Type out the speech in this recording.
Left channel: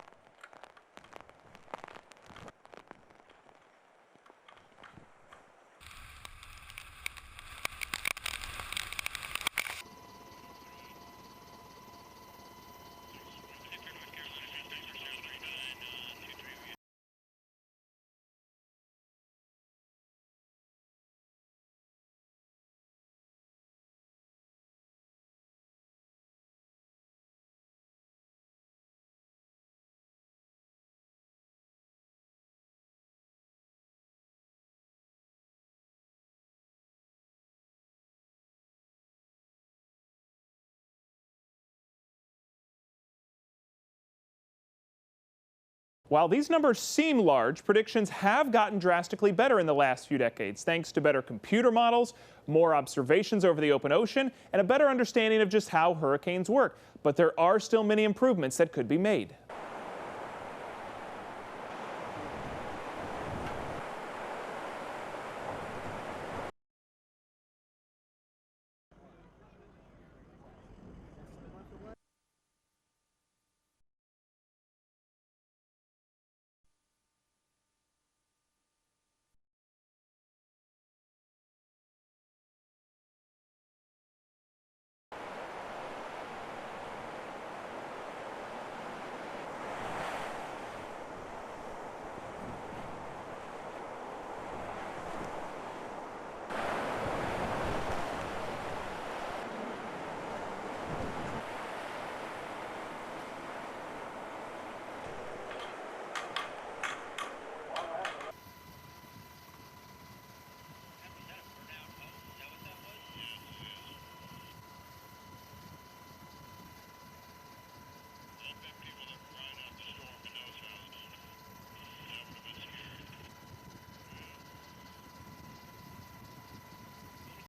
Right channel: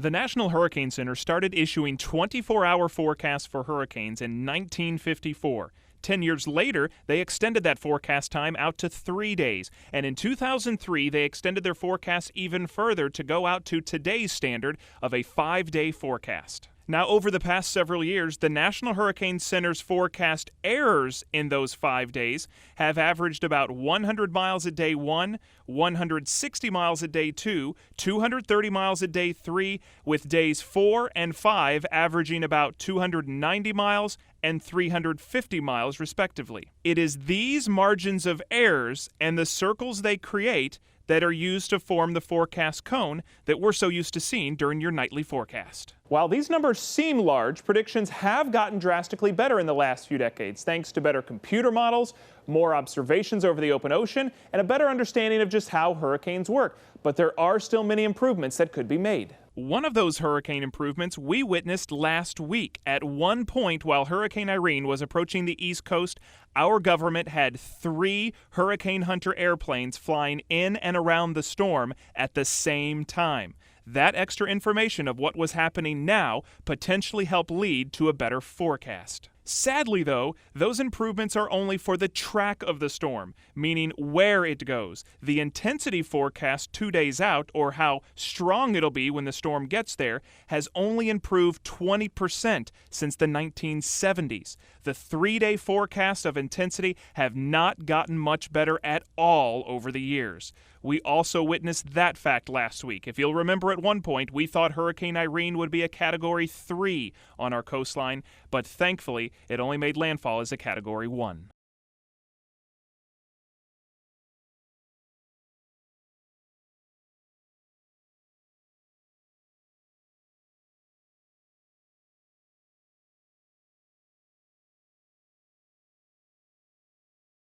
The National Hurricane Center started issuing 24-hour forecasts for hurricanes in 1954. 10 years later, they extended that forecast time out to 3 days. And in 2003, they extended their forecast even further to go out to today's standard of a 5-day forecast. Now, over the past several years, the National Hurricane Center's forecast errors in those 5 days have averaged about 100 miles a day 1, 160 miles a day 2, 230 miles a day 3, with days 4 and 5 averaging about 290 miles and 350 miles respectively. It is these margins of errors and the circles they create that are used to form the forecast cone that we're so used to seeing during your nightly forecast. While these numbers seem large, predictions have gotten drastically better in the last few decades, thanks to better computer models, more observations over the open ocean, and a better understanding of just how hurricanes work. But there are still many improvements that could be made. One of those hurricane improvements we witnessed last week. At one point, while Hurricane Irene was approaching the East Coast, our government had 3 Hurricane Hunter airplanes flying in and around the storm at the same time. That extra information of what was happening now potentially helped lead to a better forecast. Sadly, though, those improvements are only for the track of the storm, meaning where it goes. The intensity forecast 2 days out, or how strong it'll be when the storm gets there, has only improved 20% since the 1970s. The 3-day forecasts of intensity have not gotten much better at all over the years. We also witnessed that fact last week. If you'll remember, at one point, we thought Hurricane Irene would be a Category 3 on our coastline, but thankfully, it only made landfall as a Category 1.